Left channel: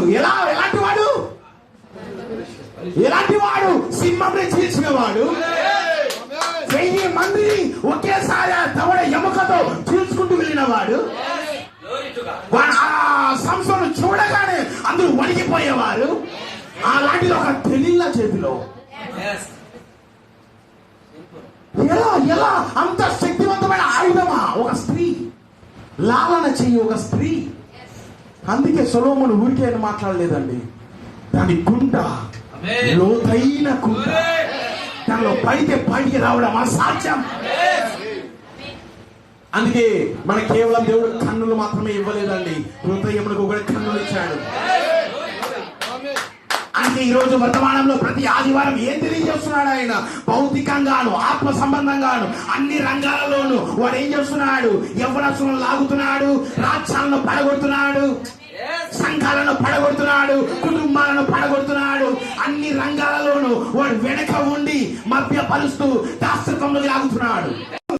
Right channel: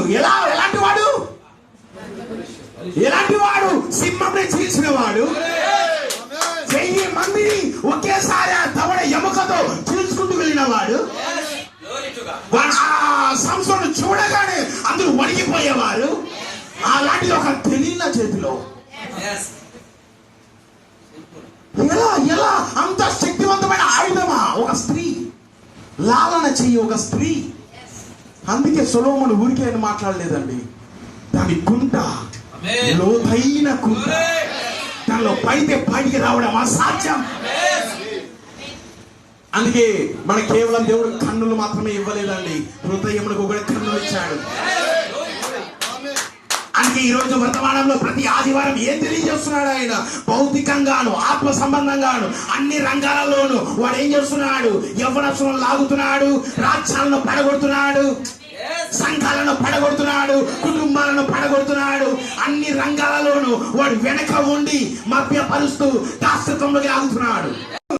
అవును, ఎలాంటి వాడు? ఎలాంటి వాడు? సింహంని చీల్చిన వాడు, 1000 మందిని ఒకేసారి దవడ ఎముకతో చీల్చుకుంటూ వెళ్ళిన వాడు. సంస్థను చూడగానే అందరూ వణికిపోయేవారు. అలాంటిది ఒక తెలియన చేతిలో. ఎలా అంత శక్తివంతమైన ఆయుధమా? ఒక స్త్రీ లాలన చెయ్యి, ఒక స్త్రీ. అందుకే సొలొమోను ఊరికే అని మాట్లాడలేదండి. దాని కుంట లోతైన కుంట, దానిలో పడితే బయటికి రావడం అసాధ్యం. అందుకే మన కేవలం దేవుడు కన్నులు మాత్రమే ఇవ్వలేదండి, హృదయములకు కూడా కన్నులు ఇచ్చాడు. అందుకే ఈ రోజు వర్తమానంలో ప్రతి ఆదివారం ఏం తెలియజేస్తున్నాడు ఆయన? భౌతికంగాను, ఆత్మ సంబంధంగాను, అన్ని రంగాలలోనూ వాడు ఏం చేస్తున్నాడు? యవ్వనస్తులను లాగుతున్నాడు, రాజ్యాలను పడగొడుతున్నాడు, సంఘాలను పడగొడుతున్నాడు, కుటుంబాలను పడగొడుతున్నాడు. అన్ని రంగాలలోనూ వాడు వెనక ఉండి మభ్యపరుస్తూ దాస్తత్వంలోకి లాగుతున్నాడు.